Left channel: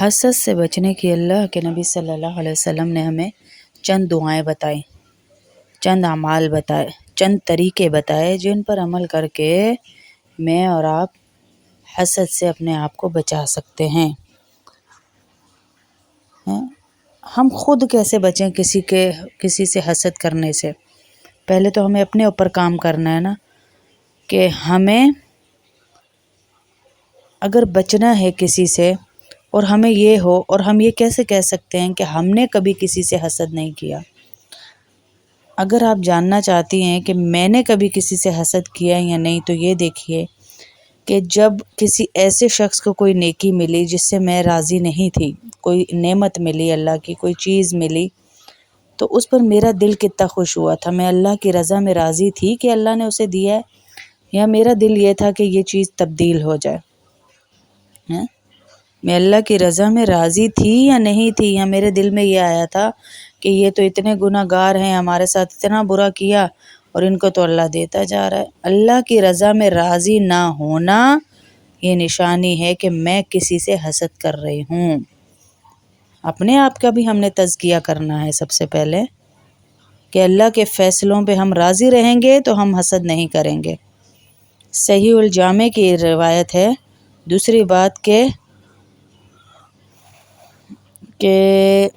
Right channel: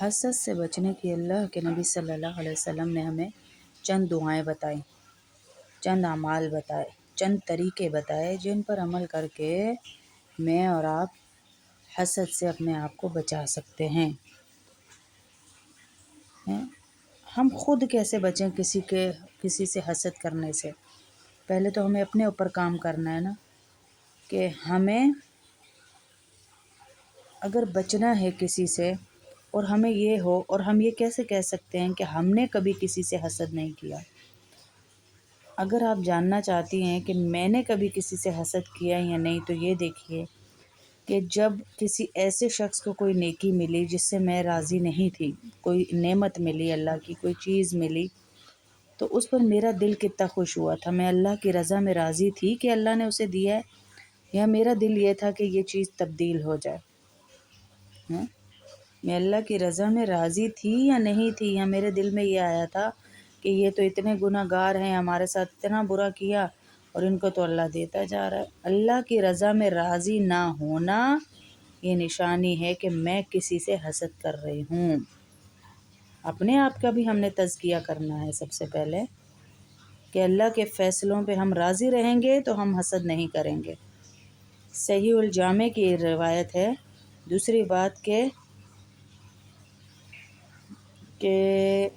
حسد سے بچنے کی اللہ کے نبی صلی اللہ علیہ وسلم نے ہمیں چند دعائیں بتائیں، چند اعمال بتائے، چند طریقے بتائے جن پر عمل کر کے میں اور آپ حسد سے اپنے آپ کو بچا سکتے ہیں۔ ہم خود کیسے بچیں کسی سے حسد کرنے سے؟ پہلے تو ہمیں اپنے اوپر کام کرنا ہے نا، کہ ہمیں اگر بچنا ہے کسی سے اور ہمیں یہ ہو، اور ہم یہ کیسے کہہ سکتے ہیں کہ ہم نے کبھی کسی سے حسد نہیں کیا؟ اگر آپ جاننا چاہتی ہیں کہ میں نے کبھی کسی سے حسد کیا یا نہیں، تو یہ دیکھیے کہ جب کسی ایسے شخص کو کوئی نیکی ملی جس سے میں راضی نہیں تھی، کوئی نعمت ملی اللہ کی، کوئی چیز ملی، تو اس پر میرا دل کتنا خوش ہوا تھا۔ میں اللہ کی رضا میں راضی تھی کہ اللہ نے اسے دیا ہے، یا میرا دل یہ تھا کہ یہ چیز تبدیل ہو جائے؟ میں اللہ کی رضا میں راضی تھی یا نہیں تھی؟ یا میرے دل میں یہ آیا تھا کہ یہ تو اتنے گناہ گار ہیں، ہمارے ساتھ اتنا برا کیا اور ان کو تو اللہ دیتا جا رہا ہے؟ اللہ کی رضا میں راضی نہ ہونا یہ نشانی ہے کہ میں کسی سے حسد کر رہی ہوں۔ اپنے آپ کا بھی ہم نے تزکیہ کرنا ہے سب سے پہلے، کہ اللہ کے فیصلوں پہ ہم راضی رہیں گے تو ہم حسد نہیں کریں گے۔ صحیح الجامع کی روایت ہے، دوسری بات کہ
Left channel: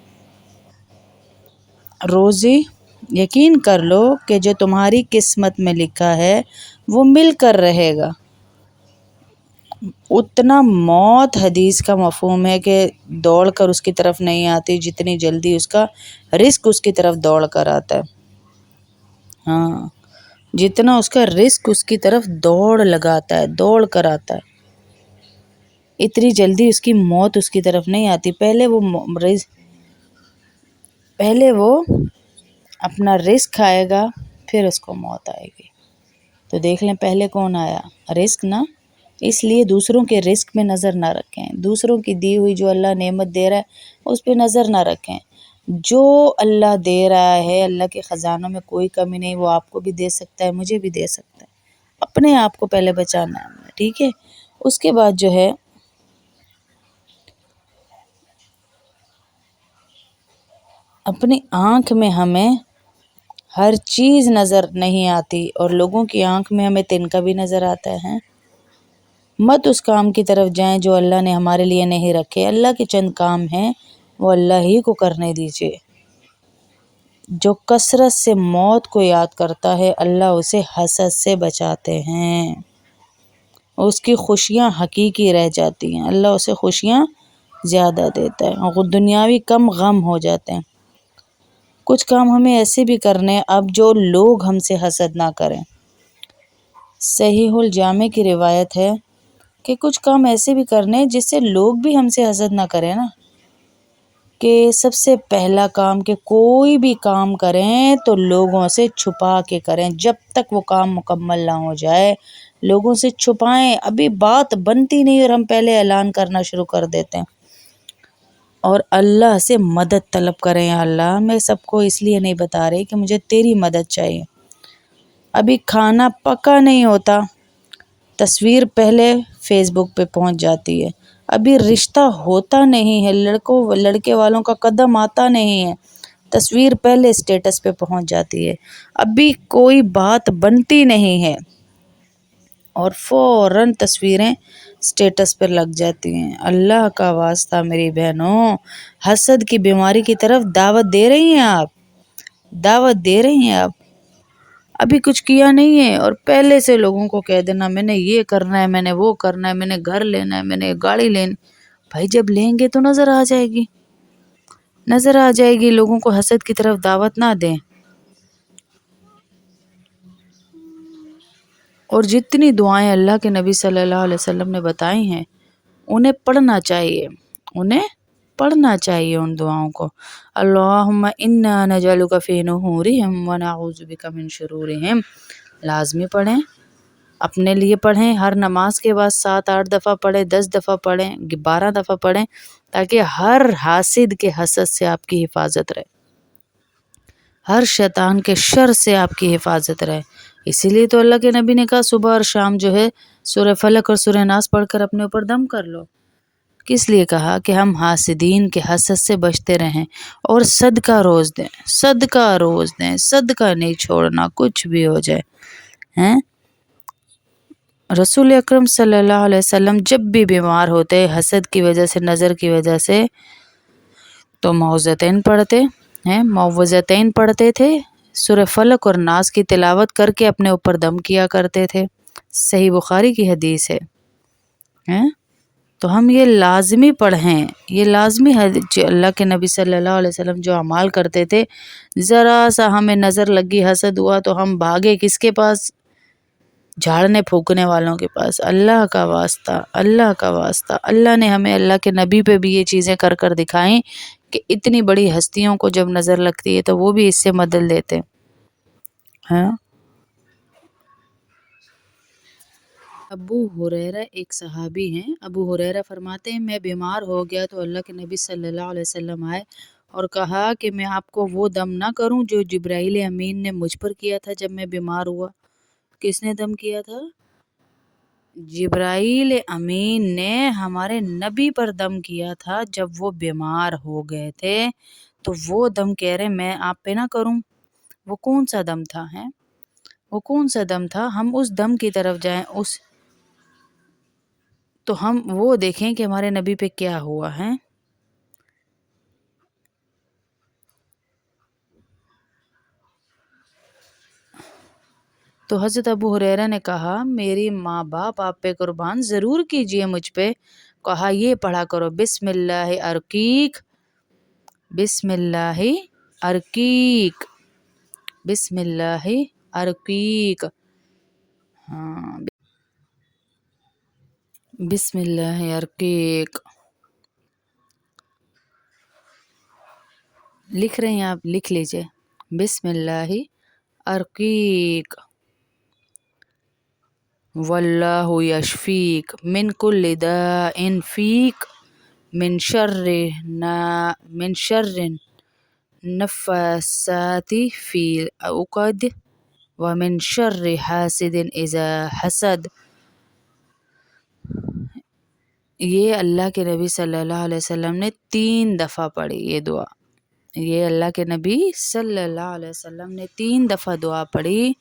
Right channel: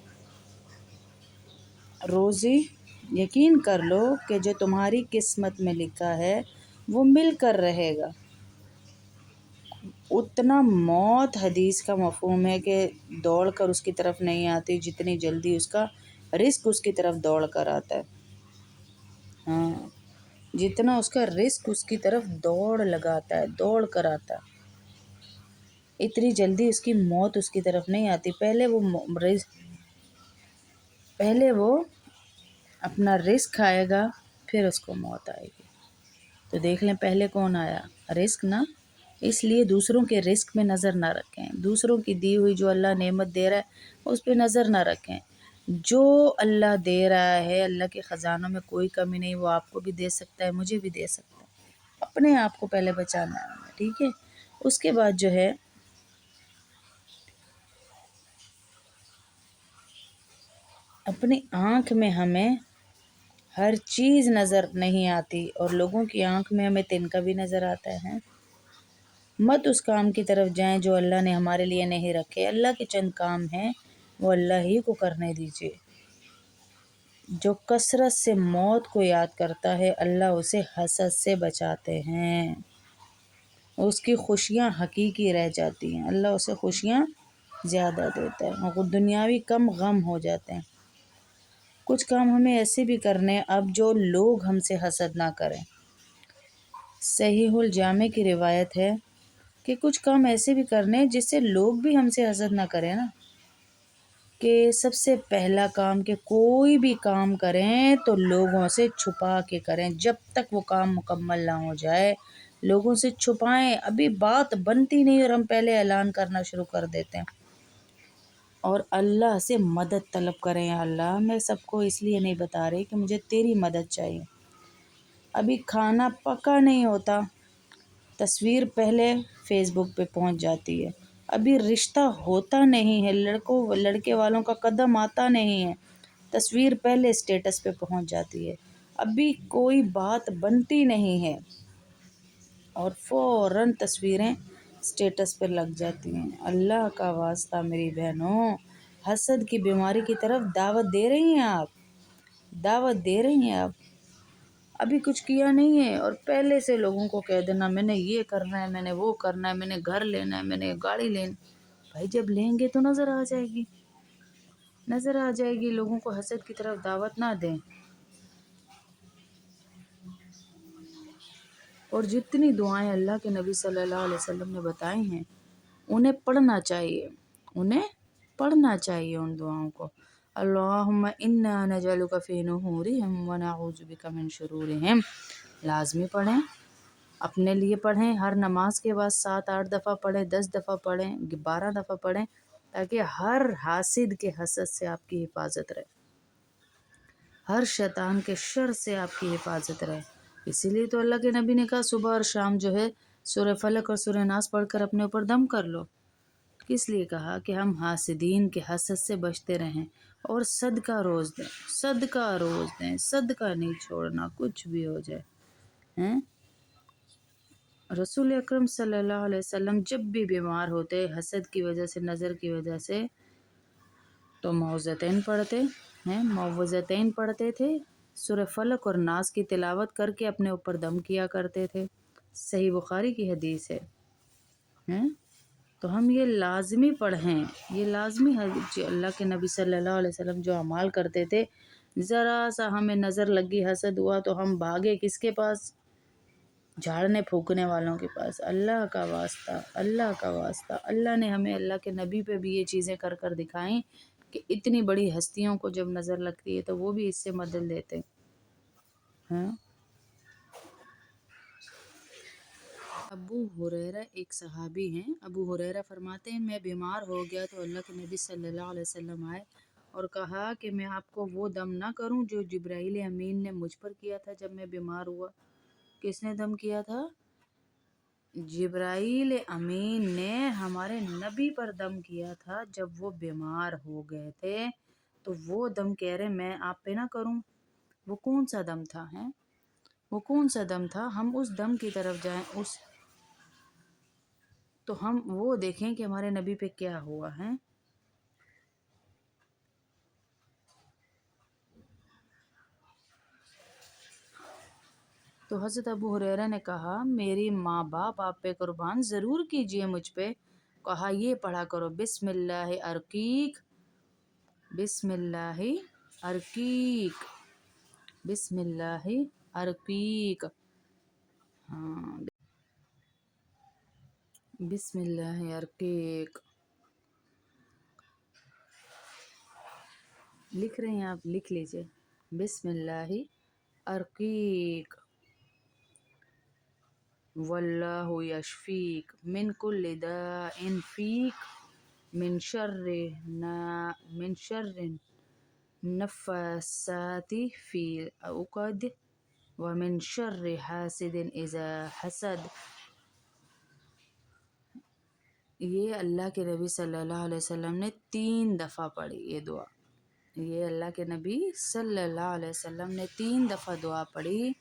روزی یقین کر لو کہ جو تمہاری قسمت میں لکھا ہے وہ مل کر رہے گا۔ اتنا موت حدیث کا مفہوم ہے کہ دوڑ کر اس کی طرف نہیں آتی جتنی جلدی اس کا رزق اس کی طرف دوڑ کر آتا ہے۔ ہاں، جتنا اس کا رزق اس کی طرف دوڑ لگاتا ہے، دوڑ کر آتا ہے، اتنی جلدی اس کی موت اس کی طرف نہیں آتی۔ پہلے وہ اپنا رزق کھائے گا، پھر اس کو موت آئے گی۔ تو دیکھ لیں پہلے کون آیا؟ رزق نا۔ اس لیے دوسروں کے رزق میں نظر نہ رکھیں، دوسروں کی دی ہوئی جو اللہ نعمت دے رہا ہے اس پہ نظر نہ رکھیں۔ جو اللہ دے رہا ہے، اللہ کے خزانوں میں کوئی کمی نہیں، وہ آپ کو بھی دے سکتا ہے، مجھے بھی دے سکتا ہے۔ اپنے آپ کو پہلے بچانا ہے، ٹھیک ہے؟ اس کے بعد جو ہے اپنی آنکھ میں ہمیں ہر چیز نظر نہیں آتی، اور لوگوں کی آنکھ میں ہمیں تنکا بھی نظر آتا ہے۔ مت اس کام کی طرف جائیں جو اللہ نے ہمارے لیے نہیں رکھے۔ اللہ کے چند کام ہیں، وہ اللہ ہی کو کرنے دیجیے۔ جو کثرت سے موت کو یاد کرتا ہے، اللہ اسے حسد سے بچاتے ہیں، اس کی خوشیاں حقیقی رہ جاتی ہیں، اللہ اسے خوشیاں زیادہ دیتا ہے، اور دنیاوی کم غم ہو جاتے ہیں۔ کچھ کام ہمیں ایسے بھی کرنے اب جو لوگ ہم سے حسد نہ کریں۔ صحیح الجامع کی روایت ہے کہ کچھ کام ایسے بھی کرنے جس سے لوگ بھی ہم سے حسد نہ کریں نا، کہ سب سے پہلا کام کہ کوئی بھی کام کریں تو لوگوں سے چھپا کے کریں، جب تک وہ کام مکمل نہ ہو جائے لوگوں سے چھپائیں۔ ابھی بات بنتی نہیں اور ہم پہلے اعلان کرنا شروع کر دیتے ہیں۔ اور اللہ سے مدد طلب کریں، یا اللہ میں سب کو اس لیے نہیں بتا رہی کہ مجھے تیری مدد چاہیے۔ ابھی کھانا پکا نہیں ہوتا، تصویر پہلے فیس بک پہ پہنچ جاتی ہے۔ ابھی رشتہ ہوتا نہیں ہے، لڑکے والوں کا قدم آتا نہیں ہے، تصویر پہلے اسٹیٹس پہ پہنچ جاتی ہے۔ ابھی کوئی بات بنتی نہیں ہے اور فوراً تصویریں اسٹیٹس پر لگ جاتی ہیں۔ اللہ کا واسطہ میری بہنوں، حسد کی بیماری کی طرف دعوت دے رہی ہیں آپ، دعوت دے رہی ہیں آپ۔ ابھی کچھ کیا نہیں ہے اور پہلے سے لوگوں کو کہہ دینا میں نے یہ کرنا ہے، میں نے وہ کرنا ہے، میں نے گھر لینا ہے، میں نے گاڑی لینی۔ بھائی جب لیں گے تو نظر آ جائے گی، نظر آ جائے گی۔ لوگوں کو حسد کی طرف دعوت نہ دیں۔ اور جتنی دعائیں اللہ کے نبی صلی اللہ علیہ وسلم نے بتائی ہیں انہیں پڑھنا چاہیے، انہیں پڑھنا چاہیے ان دعاؤں کو۔ اللہم انا نجعلک فی نحورہم ونعوذ بک من شرورہم، لازمی پڑھیں، اپنے لیے پڑھیں، ہر نماز کے بعد 7-8 دفعہ پڑھیں، 10 دفعہ پڑھیں، 12 دفعہ پڑھیں، تاکہ ہر حاسد کے حسد سے آپ کی حفاظت رہے، ہر شیطان کے شر سے آپ کی حفاظت رہے۔ اسی لیے تو اللہ کے نبی نے کہا صبح اور شام جو ہے سورہ فلق اور سورہ ناس پڑھ کر اپنے اوپر دم کر لو، کس لیے کہا کہ ہم حاسدین کے حسد سے بچتے رہیں اور صدقہ روز دیں، صدقہ روز دیں، صدقہ نہیں چھوڑنا کچھ بھی ہو جائے ہیں۔ رسول اکرم صلی اللہ علیہ وسلم جب بھی بیمار ہوتے حسد کی وجہ سے، نظر کی وجہ سے، تو معوذتین پڑھتے ہیں، معوذتین پڑھتے تھے، سورہ فلق اور ناس کی تلاوت کر کے اپنے اوپر دم کیا کرتے تھے۔ صحیح بخاری کی حدیث ہے ہیں؟ تو ہم یہ لازمی پڑھیں، یہ لازمی ہے جو اللہ کے نبی صلی اللہ علیہ وسلم جو اعمال کرتے تھے۔ ذرا سا ہمیں نظر لگی، حسد ہوا تو ہم بھاگے کس کے پاس؟ جھاڑنے پھونکنے والوں کے پاس۔ اللہ کا واسطہ، اللہ کا واسطہ، اللہ نے ہمیں اللہ کے نبی پہ بھی یہ چیزیں کر کر دکھائیں کہ اتنی بڑی ہستیوں کو جب نظر لگتی ہے تو وہ بھی اس سے مدد لیتے ہیں۔ ابو ہریرہ ایک صحابی ہیں، ابو ہریرہ فرماتے ہیں میں بیمار ہو گیا تو اللہ کے نبی صلی اللہ علیہ وسلم آئے اور کہا کہ میں آپ کو وہ دم نہ کروں جو جبرائیل امین نے مجھ پر کیا تھا جب میں بیمار ہوا۔ کس نے دم کیا تھا؟ جبرائیل امین نے ہمارے نبی پر دم کیا تھا جب وہ بیمار ہو گئے تھے، تو وہ دم کہہ رہے میں آپ پہ نہ کروں۔ وہ کون سا دم تھا ہے؟ وہ کون سا دم تھا؟ ہم اس دم کی طرف جائیں، تو ہم وہ دیکھیں کہ ہمارے نبی پہ کیا ہوا ہے۔ تو حضرت ابو ہریرہ نے کہا میری ماں باپ آپ پہ قربان، ضرور کیجئے مجھ پہ۔ کہا یہ پڑھا کرو بسم اللہ ارقیق، بسم اللہ ارقیق، بسم اللہ ارقیق، ہاں بسم اللہ ارقیق لکھ رہے ہیں آپ، لکھ لیجئے بسم اللہ ارقیق واللہ یشفیک من کل داء فیک من شر نفاسات فی العقد ومن شر حاسد اذا حسد۔ یہ اللہ کے نبی صلی اللہ علیہ وسلم نے 3 دفعہ پڑھی یہ دعا، یہ اللہ کے نبی صلی اللہ علیہ وسلم نے 3 دفعہ دعا پڑھی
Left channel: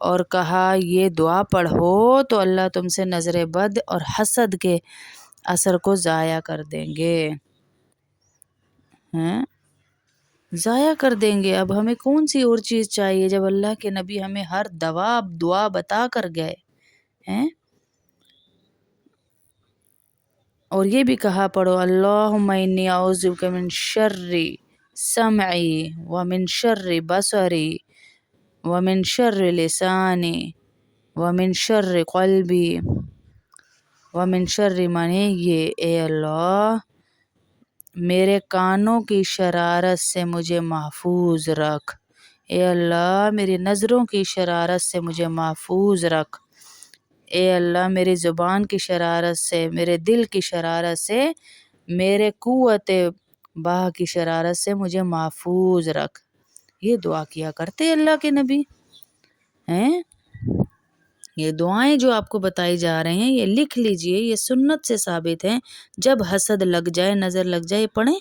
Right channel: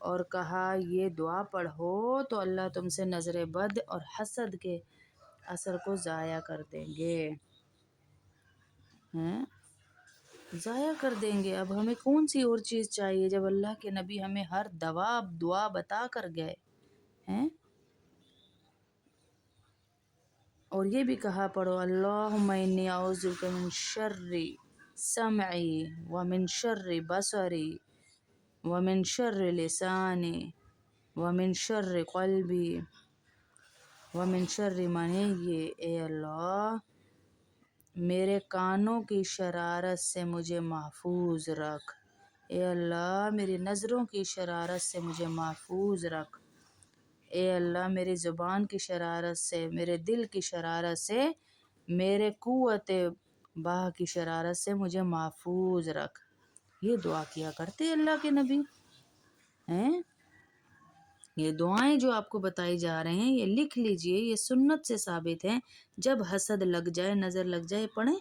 اور کہا یہ دعا پڑھو تو اللہ تم سے نظر بد اور حسد کے اثر کو ضائع کر دیں گے، ہیں ضائع کر دیں گے۔ اب ہمیں کون سی اور چیز چاہیے جب اللہ کے نبی ہمیں ہر دعا بتا کر گئے ہیں۔ اور یہ بھی کہا پڑھو اللہم انی اعوذ بک من شر سمعی ومن شر بصری ومن شر لسانی ومن شر قلبی ومن شر منی۔ اے اللہ میرے کانوں کی شرارت سے مجھے محفوظ رکھ، اے اللہ میری نظروں کی شرارت سے مجھے محفوظ رکھ، اے اللہ میری زبان کی شرارت سے، میرے دل کی شرارت سے، میرے قوت باہ کی شرارت سے مجھے محفوظ رکھ۔ یہ دعا کیا کرتے اللہ کے نبی ہیں۔ یہ دعائیں جو آپ کو بتائی جا رہے ہیں یہ لکھ لیجئے، یہ سنت سے ثابت ہیں۔ جب حسد لگ جائے، نظر لگ جائے، پڑھیں